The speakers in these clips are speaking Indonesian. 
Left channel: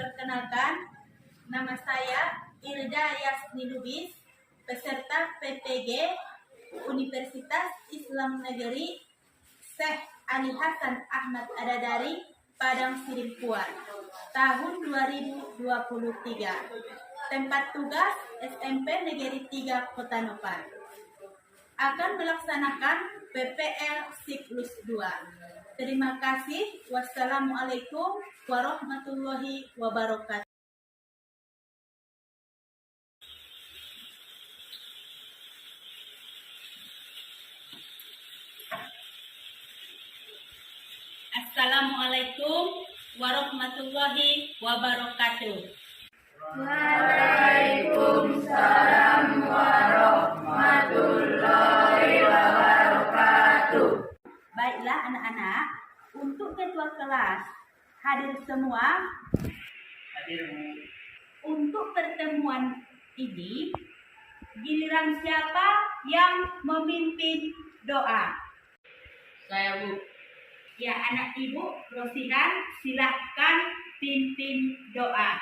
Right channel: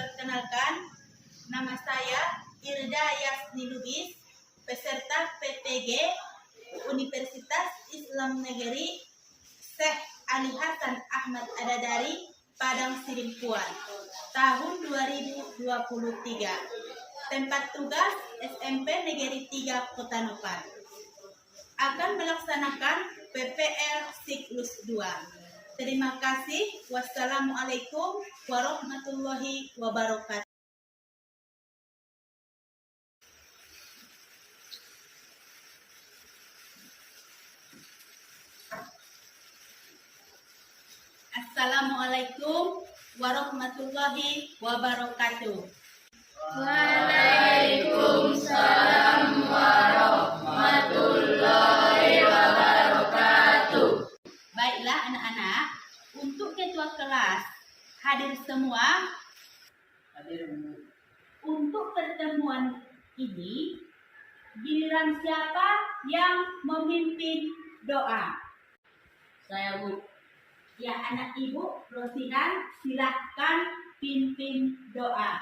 Perkenalkan, nama saya Irda Yasni Lubis, peserta PPG Universitas Islam Negeri Syekh Ali Hasan Ahmad Adadari, Padang Sidimpuan, tahun 2023. Tempat tugas SMP Negeri 3 Kota Nopan. Akan melaksanakan PPL siklus 2. Terima kasih. Wassalamualaikum warahmatullahi wabarakatuh. Assalamualaikum warahmatullahi wabarakatuh. Waalaikumsalam warahmatullahi wabarakatuh. Baiklah anak-anak, untuk ketua kelas hadir semua. Hadir, Bu. Untuk pertemuan ini, giliran siapa yang memimpin doa? Saya, Bu. Ya, anak ibu Rosihan, silahkan pimpin doa.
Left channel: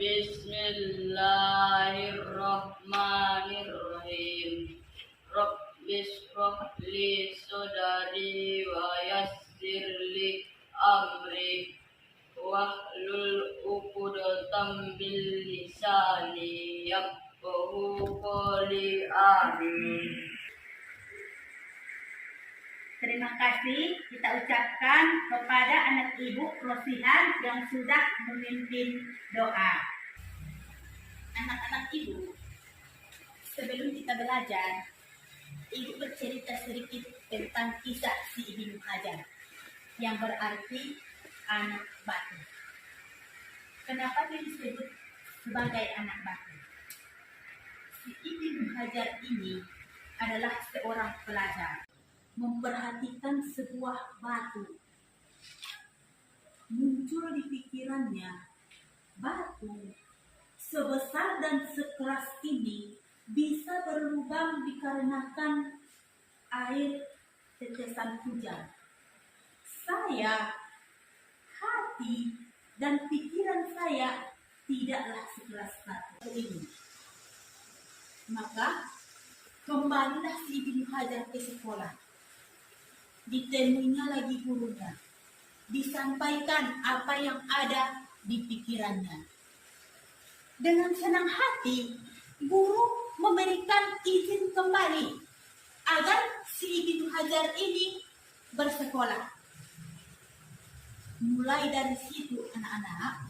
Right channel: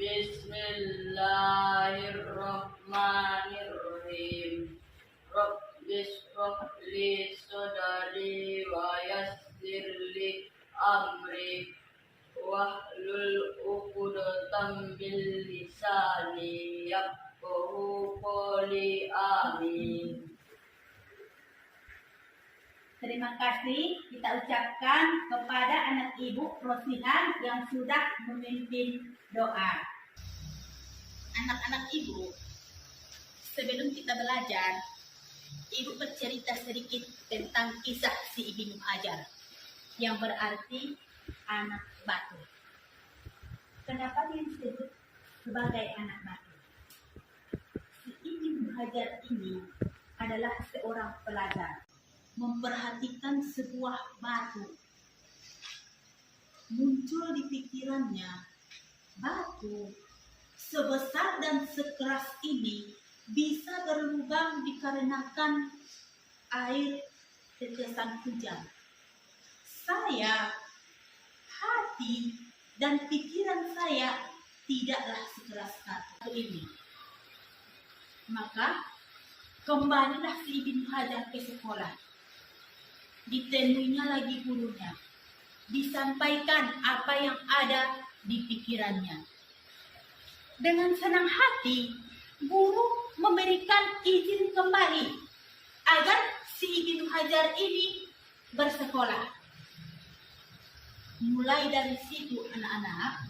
Bismillahirrahmanirrahim. Rabbis shrahli sadri wa yassir li amri wahlul 'uqdatam min lisani yafqahu qawli. Amin. Terima kasih kita ucapkan kepada anak ibu Rosihan yang sudah memimpin doa. Anak-anak ibu, sebelum kita belajar, ibu bercerita sedikit tentang kisah si Ibnu Hajar, yang berarti anak batu. Kenapa dia disebut sebagai anak batu? Si Ibnu Hajar ini adalah seorang pelajar. Memperhatikan sebuah batu. Muncul di pikirannya, batu sebesar dan sekeras ini bisa berlubang dikarenakan air tetesan hujan. Saya, hati dan pikiran saya tidaklah sekeras batu ini. Maka kembalilah si Ibnu Hajar ke sekolah. Ditemuinya lagi gurunya, disampaikan apa yang ada di pikirannya. Dengan senang hati, guru memberikan izin kembali agar si Ibnu Hajar ini bersekolah. Mulai dari situ anak-anak,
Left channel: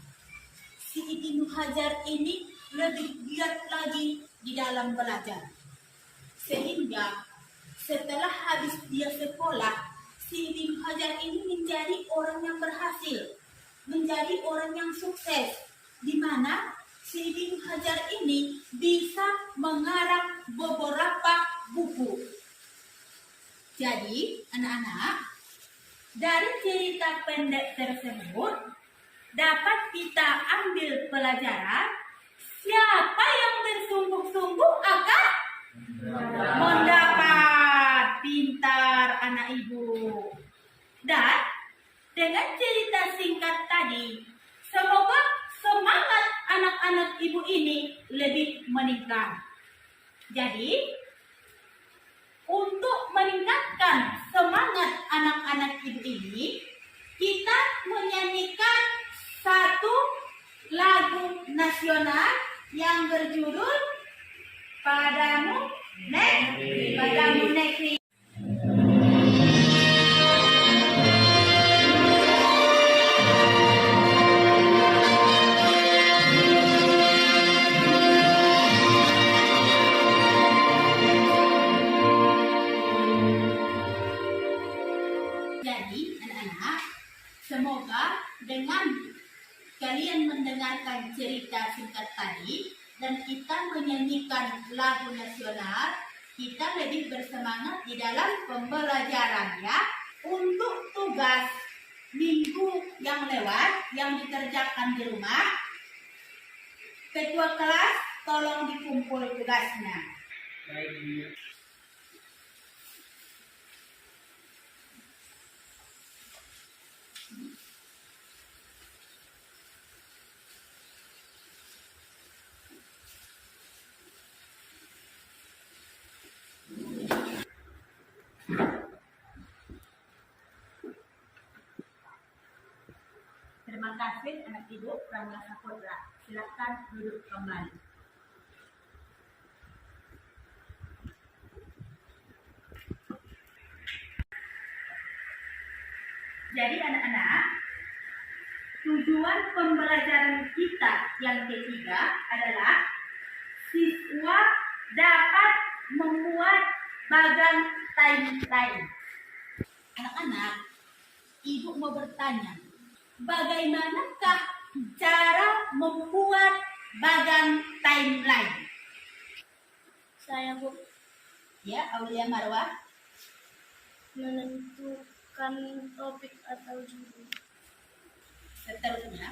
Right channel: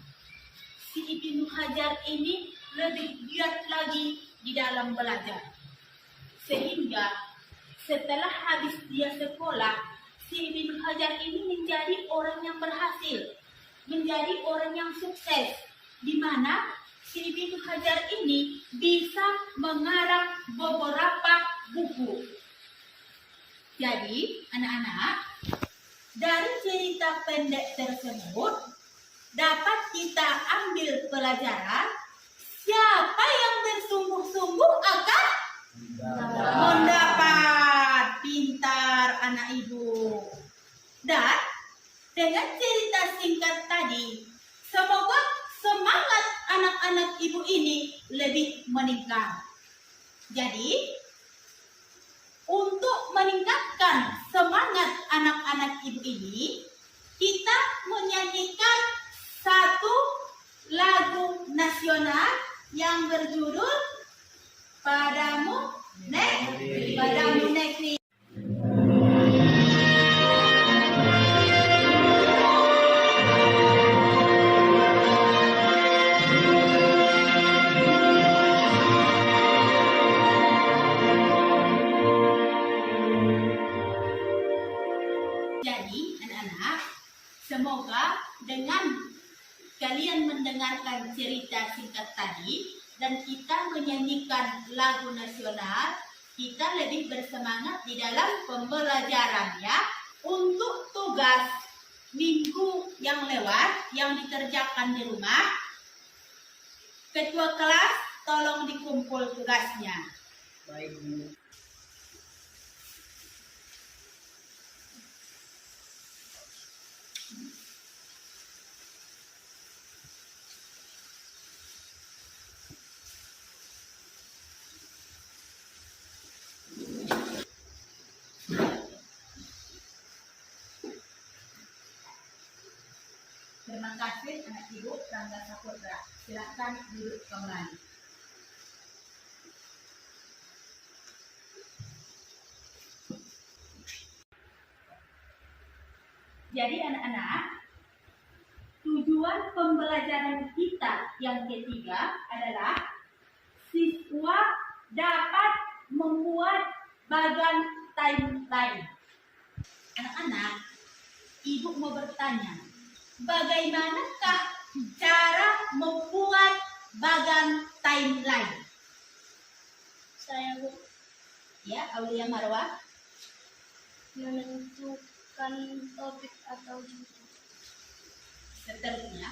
si Ibnu Hajar ini lebih giat lagi di dalam belajar. Sehingga setelah habis dia sekolah, si Ibnu Hajar ini menjadi orang yang berhasil, menjadi orang yang sukses, di mana si Ibnu Hajar ini bisa mengarang beberapa buku. Jadi, anak-anak, dari cerita pendek tersebut dapat kita ambil pelajaran, siapa yang bersungguh-sungguh akan mendapat. Pintar anak ibu. Dan dengan cerita singkat tadi, semoga semangat anak-anak ibu ini lebih meningkat. Jadi, untuk meningkatkan semangat anak-anak ibu ini, kita menyanyikan satu lagu nasional yang berjudul Padamu Negeri. Padamu Negeri. Jadi, anak-anak, semoga dengan kalian mendengarkan cerita singkat tadi dan kita menyanyikan lagu nasional, kita lebih bersemangat di dalam pembelajaran ya. Untuk tugas minggu yang lewat yang dikerjakan di rumah, ketua kelas tolong dikumpul tugasnya. Baik, Bu. Terima kasih anak ibu Rangga Saputra. Silakan duduk kembali. Jadi anak-anak, tujuan pembelajaran kita yang ketiga adalah siswa dapat membuat bagan timeline. Anak-anak, ibu mau bertanya, bagaimanakah cara membuat bagan timeline? Saya Bu Ya, Aulia Marwah. menentukan topik atau judul. Seterusnya,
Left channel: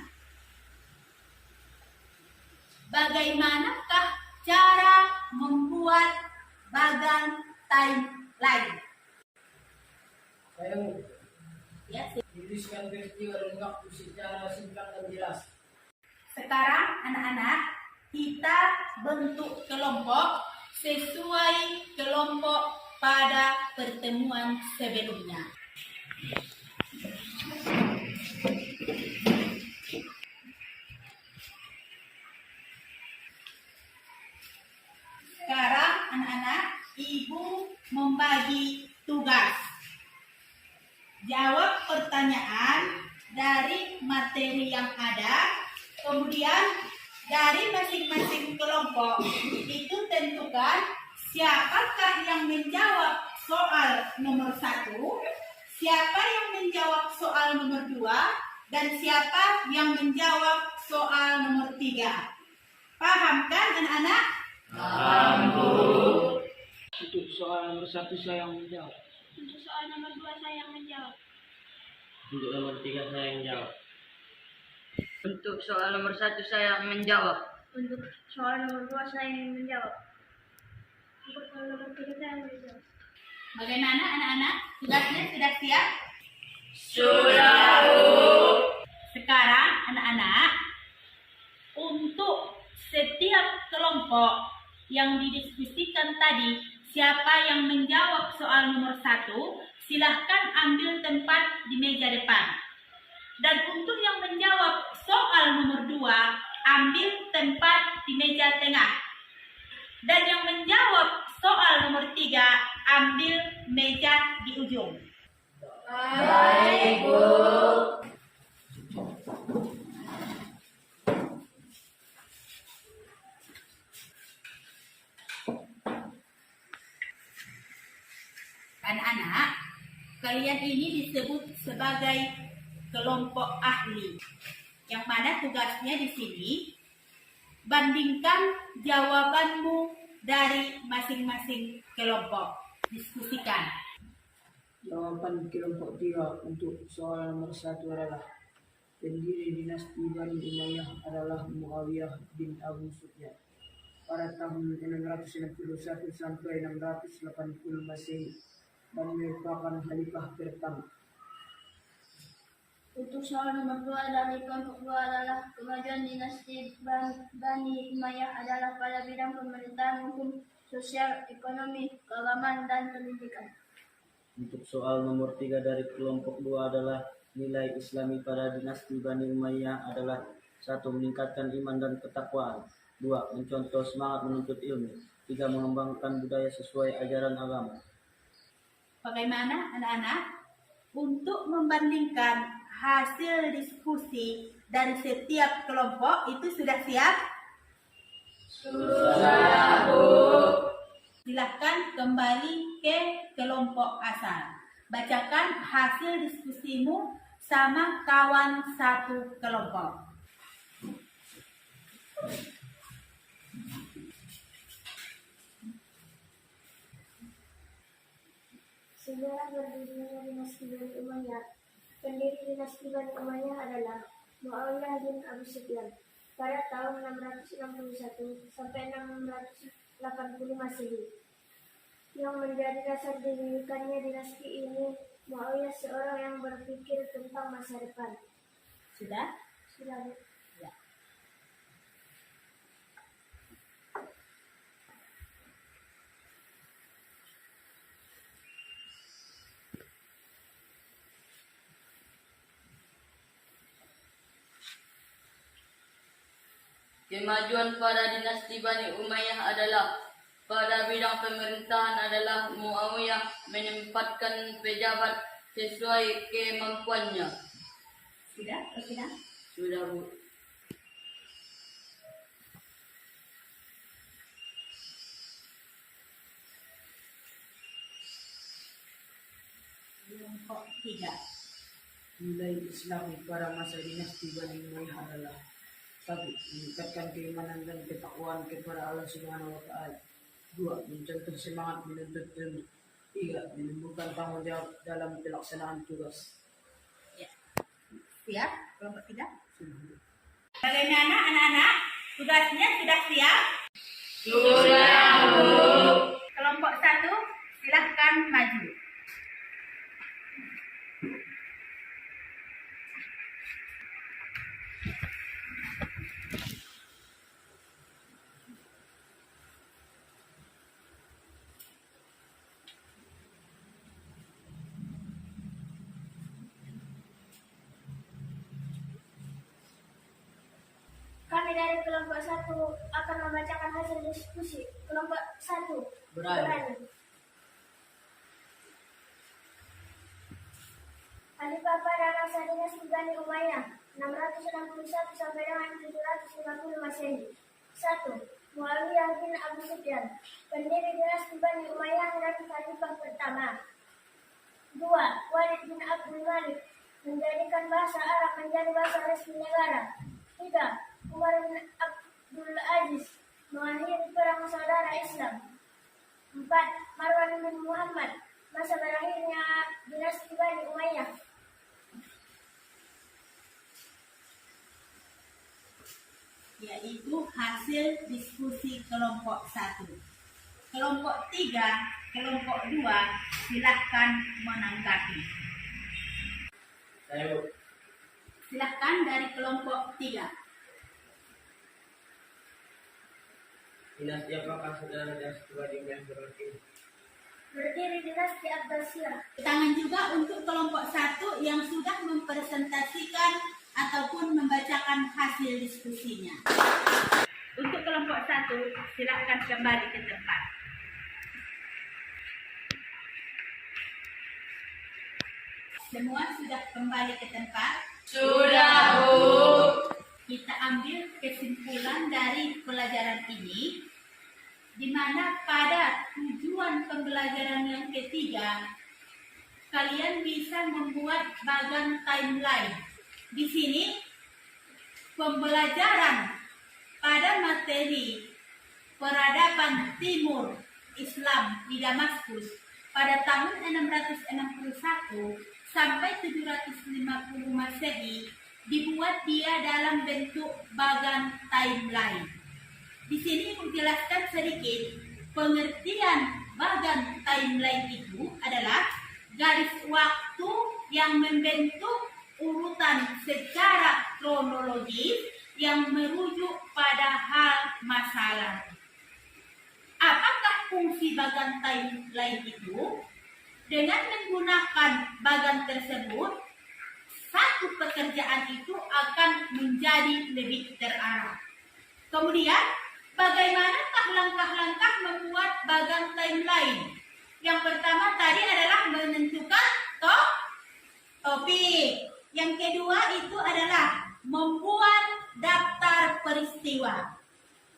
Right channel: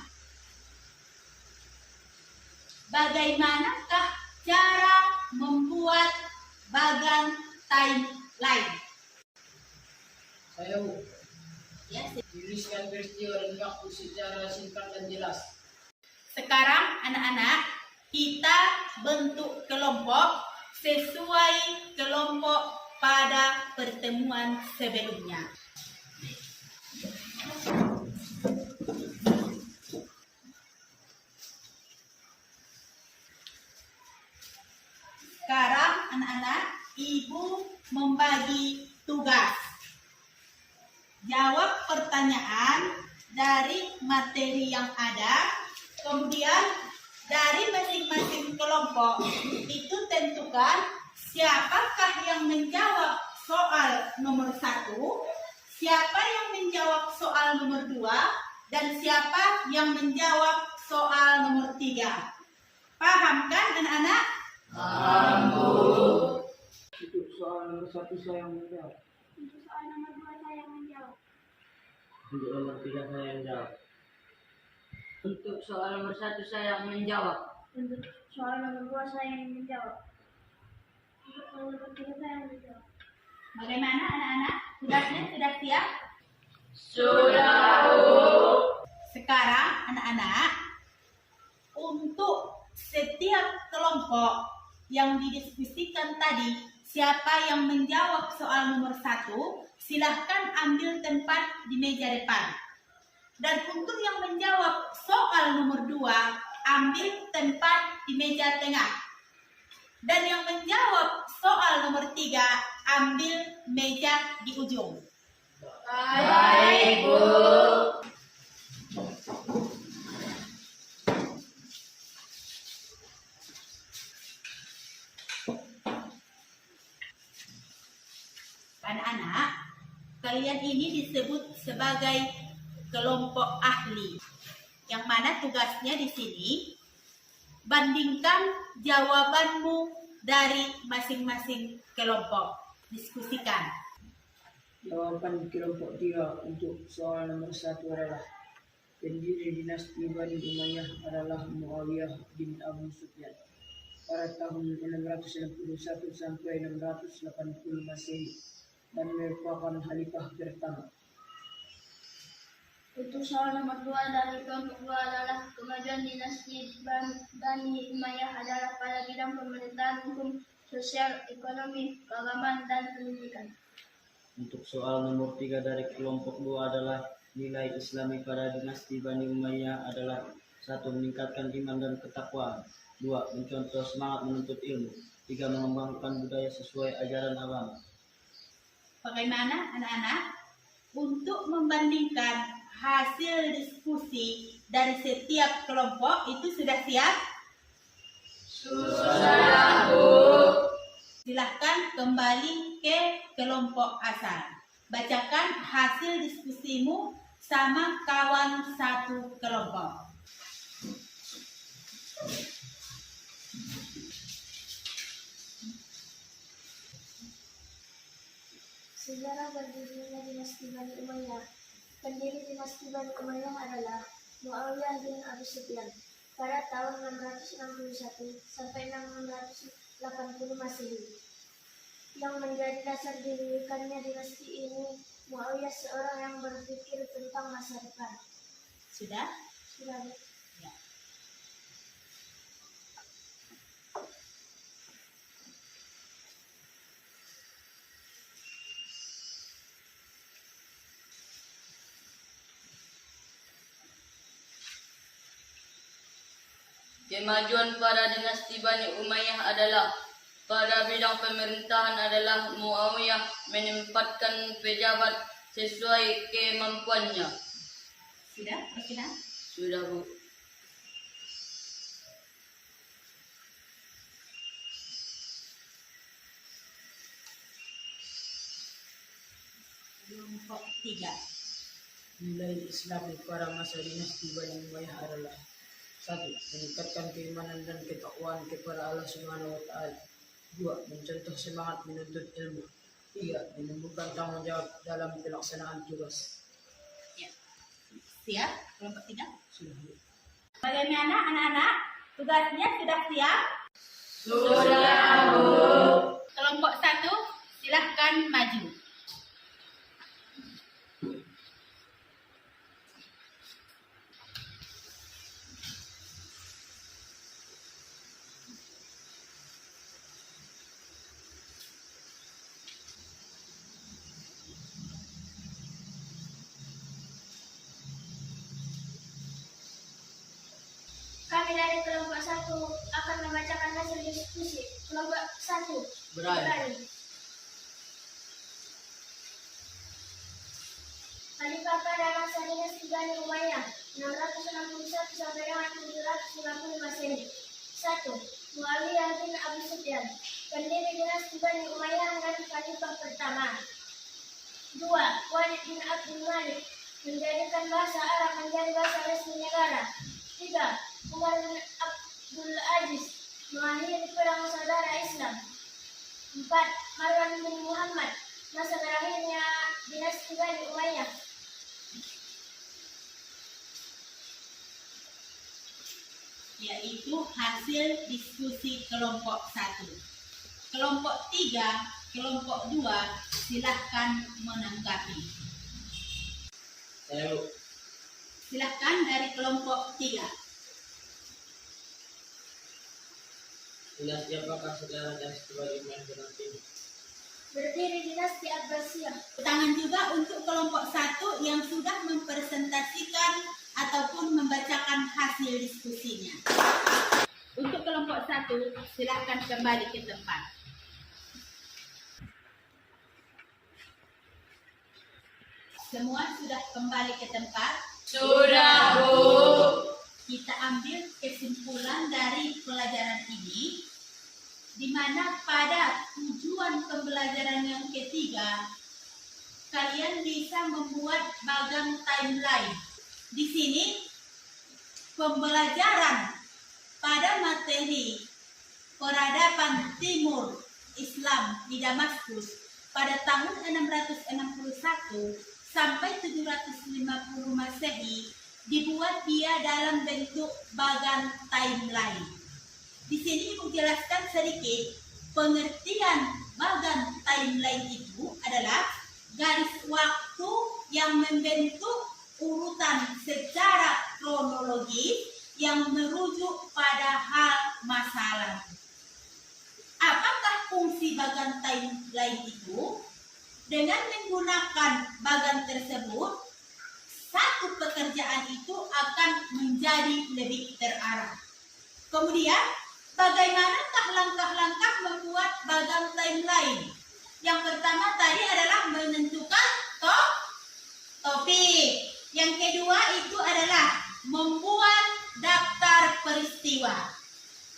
bagaimanakah cara membuat bagan timeline? Saya Ya, tuliskan peristiwa dan waktu secara singkat dan jelas. sekarang anak-anak kita bentuk kelompok sesuai kelompok pada pertemuan sebelumnya. Sekarang anak-anak, ibu membagi tugas. Jawab pertanyaan dari materi yang ada, kemudian dari masing-masing kelompok itu tentukan siapakah yang menjawab soal nomor 1, siapa yang menjawab soal nomor 2, dan siapa yang menjawab soal nomor 3. Paham kan anak-anak? Untuk soal nomor 1 saya yang menjawab. Untuk soal nomor 2 saya yang menjawab. Untuk nomor 3 saya yang jawab. Untuk soal nomor 1 saya yang menjawab. Untuk soal nomor 2 saya yang menjawab. Untuk soal nomor 3 saya yang menjawab. Bagaimana anak-anak? Tugasnya sudah siap? Sudah, Bu. Sekarang anak-anak, untuk setiap kelompok yang didiskusikan tadi, siapa yang menjawab soal nomor 1, silahkan ambil tempat di meja depan. Dan untuk yang menjawab soal nomor 2, ambil tempat di meja tengah. Dan yang menjawab soal nomor 3, ambil meja di ujung. Baik, Bu. Anak-anak, kalian ini disebut sebagai kelompok ahli. Yang mana tugasnya di sini, bandingkan jawabanmu dari masing-masing kelompok. Diskusikan. Jawaban kelompok 3 untuk soal nomor 1 adalah pendiri dinasti Bani Umayyah adalah Muawiyah bin Abu Sufyan pada tahun 661 sampai 680 Masehi dan merupakan khalifah pertama. Untuk soal nomor 2 dari kelompok 2 adalah kemajuan dinasti Bani Umayyah adalah pada bidang pemerintahan, hukum, sosial, ekonomi, keagamaan, dan pendidikan. Untuk soal nomor 3 dari kelompok 2 adalah nilai Islami pada dinasti Bani Umayyah adalah 1. Meningkatkan iman dan ketakwaan. 2. Mencontoh semangat menuntut ilmu. 3. Mengembangkan budaya sesuai ajaran agama. Bagaimana anak-anak? Untuk membandingkan hasil diskusi dari setiap kelompok itu sudah siap? Sudah, Bu. Silahkan kembali ke kelompok asal. Bacakan hasil diskusimu sama kawan satu kelompok. Sejarah berdirinya dinasti Bani Umayyah. Pendiri dinasti Bani Umayyah adalah Muawiyah bin Abu Sufyan pada tahun 661 sampai 680 Masehi. Yang menjadi dasar didirikannya dinasti ini, Muawiyah seorang yang berpikir tentang masa depan. Sudah? Sudah, Bu. Ya. Kemajuan pada dinasti Bani Umayyah adalah pada bidang pemerintahan adalah Muawiyah menempatkan pejabat sesuai kemampuannya. Sudah? Berkenan? Sudah, Bu. Kelompok 3. Nilai Islami pada masa dinasti Bani Umayyah adalah: 1. Meningkatkan keimanan dan ketakwaan kepada Allah Subhanahu wa taala. 2. Mencontoh semangat menuntut ilmu. 3. Menumbuhkan tanggung jawab dalam pelaksanaan tugas. Ya. Siap? Kelompok 3. Sudah. Bagaimana anak-anak? Tugasnya sudah siap? Sudah, Bu. Kelompok 1, silahkan maju. Kami dari kelompok 1 akan membacakan hasil diskusi. Kelompok 1. Berani. Khalifah pada masa dinasti Bani Umayyah 661 sampai dengan 750 Masehi. 1. Muawiyah bin Abu Sufyan, pendiri dinasti Bani Umayyah dan khalifah pertama. 2. Walid bin Abdul Malik, menjadikan bahasa Arab menjadi bahasa resmi negara. 3. Umar bin Abdul Aziz, mengakhiri perang saudara Islam. 4. Marwan bin Muhammad, masa berakhirnya dinasti Bani Umayyah. Yaitu hasil diskusi kelompok 1. Kelompok 3, kelompok 2, silahkan menanggapi. Saya, Bu. Silahkan dari kelompok 3. Dinasti apakah saudara dinasti Bani Umayyah berakhir? Berdiri dinasti Abbasiyah. Tangan juga untuk kelompok 1 yang sudah mempresentasikan ataupun membacakan hasil diskusinya. Untuk kelompok 1, silahkan kembali ke tempat. Semua sudah kembali ke tempat. Sudah, Bu. Kita ambil kesimpulan dari pelajaran ini, di mana pada tujuan pembelajaran yang ketiga, kalian bisa membuat bagan timeline. Di sini, pembelajaran pada materi peradaban Timur Islam di Damaskus pada tahun 661 sampai 750 Masehi dibuat dia dalam bentuk bagan timeline. Di sini Ibu jelaskan sedikit pengertian bagan timeline itu adalah garis waktu yang membentuk urutan secara kronologis yang merujuk pada hal masa lalu. Apakah fungsi bagan timeline itu? Dengan menggunakan bagan tersebut, satu pekerjaan itu akan menjadi lebih terarah. Kemudian, bagaimanakah langkah-langkah membuat bagan timeline? Yang pertama tadi adalah menentukan topik. Yang kedua itu adalah membuat daftar peristiwa.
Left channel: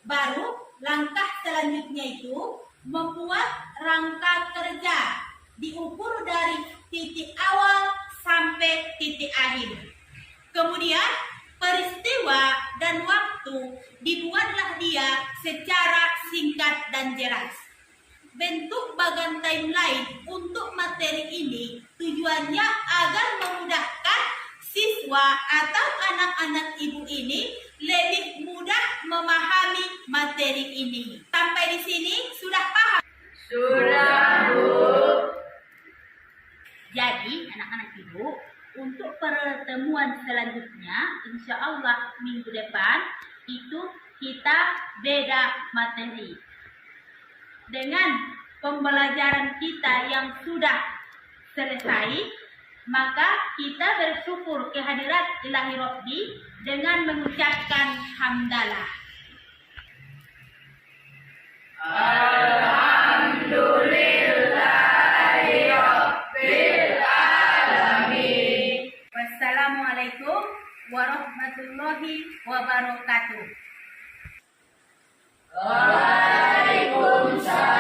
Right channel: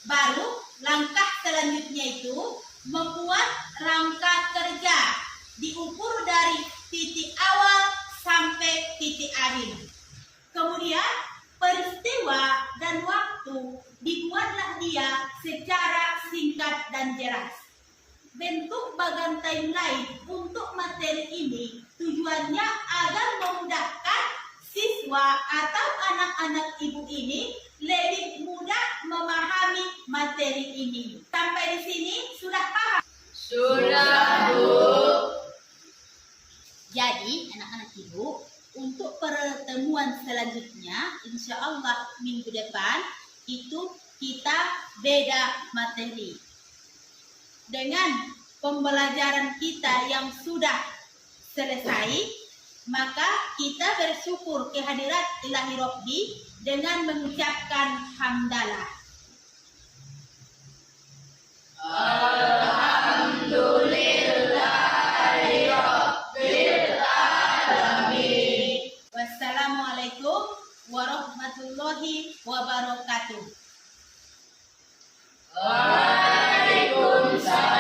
Baru langkah selanjutnya itu membuat rangka kerja, diukur dari titik awal sampai titik akhir. Kemudian peristiwa dan waktu dibuatlah dia secara singkat dan jelas. Bentuk bagan timeline untuk materi ini tujuannya agar memudahkan siswa atau anak-anak ibu ini lebih mudah memahami materi ini. Sampai di sini sudah paham? Sudah, Bu. Jadi anak-anak ibu, untuk pertemuan selanjutnya, insya Allah minggu depan itu kita beda materi. Dengan pembelajaran kita yang sudah selesai, maka kita bersyukur kehadirat Ilahi Rabbi dengan mengucapkan hamdalah. Wassalamualaikum warahmatullahi wabarakatuh. Waalaikumsalam.